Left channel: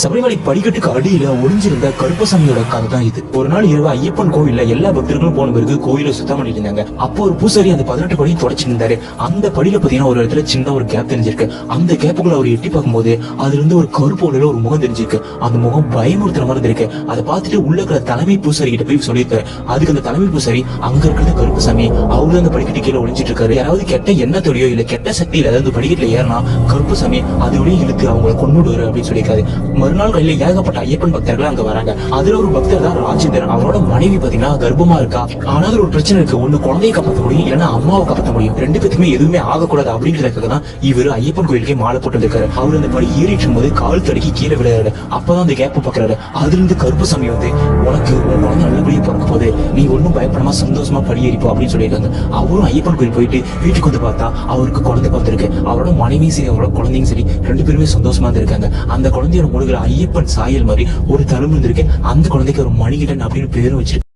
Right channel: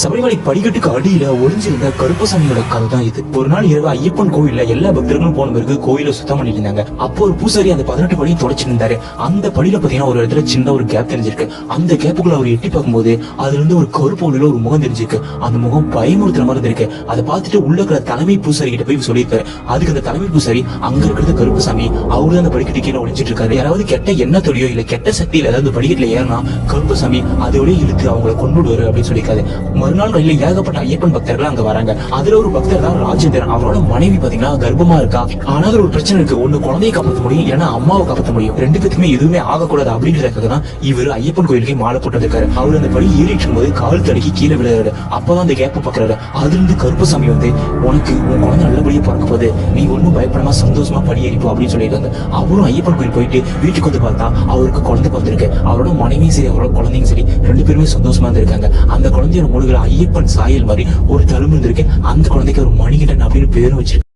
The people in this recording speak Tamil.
சபரிமலை படிக்கட்டுக்கு அடியில ஒளிஞ்சிருந்த கருப்பசாமியோட கதை தான் இது. ஒரு நாள் இரவு ஐயப்பன் கோவில்ல எல்லா பக்தர்களும் போன பிறகு கோயில சுத்தம் பண்ணிட்டு இருந்தாங்க. அப்போ ஒரு பூசாரி அந்த 18 படியும் தொடச்சிட்டு இருந்தாரு. அந்த படியில பாத்தீங்கன்னா ஒரு இடத்துல சின்ன ஒரு கேப் தெரிஞ்சிருக்கு. அந்த கேப்புக்குள்ள அவர் எட்டி பார்க்கும்போது அதுல இருந்து ஒரு கருப்பு உள்ள ஒரு முகம் தெரிஞ்சிருக்கு. அந்த முகம் பயமுறுத்துற மாதிரி இருக்கு. அதை பார்த்துட்டு உள்ள இருக்கிற தலைமை பூசாரி கிட்ட போய் சொல்லியிருக்காரு. அதுக்கு அந்த தலைமை பூசாரி அங்க இருக்கிறது கருப்பசாமி, அவரு அந்த படிக்கட்டு கீழே ஒளிஞ்சிட்டு இருக்காரு. யாராவது கெட்ட எண்ணத்தோடையோ இல்ல கெட்ட சக்தியில ஏதாவது படிக்கட்டுல ஏறினா கருப்பசாமி அதோடய இழுத்து அவங்களை கொண்டுடுவாரு அப்படின்னு சொல்லியிருக்காரு. மறுநாள் கையில ஏகப்பட்ட ஐயப்பன் பக்தர்கள் அங்க வராங்க. அதுல ஒரு பக்தர் தான் ராஜேந்திரன். அவரோட மனைவி பாத்தீங்கன்னா கர்ப்பமா இருக்கா. ஆனா ஒரு பிரச்சனை இருக்கு. ஒண்ணு குழந்தையை காப்பாற்ற முடியும், இல்லைன்னா அம்மாவை காப்பாற்ற முடியும். ரெண்டு பேருக்குமே எதுவுமே ஆகக்கூடாது அப்படின்றதுக்காக தான் இவர் ஐயப்பன் கோயிலுக்கே மாலை போட்டு இருக்காரு. அவர் அந்த படி ஏறிட்டு போது கால் தடுக்கி கீழே விளையாடு. அப்பதான் அந்த கேப்ப பாக்குறாரு. அதுல இருந்து கருப்பசாமி வந்து உனக்கு உன் குழந்தை நல்லபடியா பார்க்க போது, நீ ஒன்னும் பயப்படாம சந்தோஷமா படி ஏறிப்போ அப்படின்னு சொல்லியிருக்காங்க. அவரும் ஐயப்பன் கோயில் போயிட்டு வீட்டுக்கு வந்து பார்த்தா அவருக்கு குழந்தை பார்த்திருக்கு. அவரோட மனைவியும் சரி அவரோட குழந்தையும் சரி ரெண்டு பேருமே சந்தோஷமா இருந்திருக்காங்க. அந்த குழந்தையோட முழுகிற ஐயப்பன் சாயல் மாதிரி ஒரு தழும்பு இருந்திருக்கு. அந்த குழந்தைக்கு ஒரு மணிகண்டன் அப்படின்னு பேரும் வச்சிருக்கு.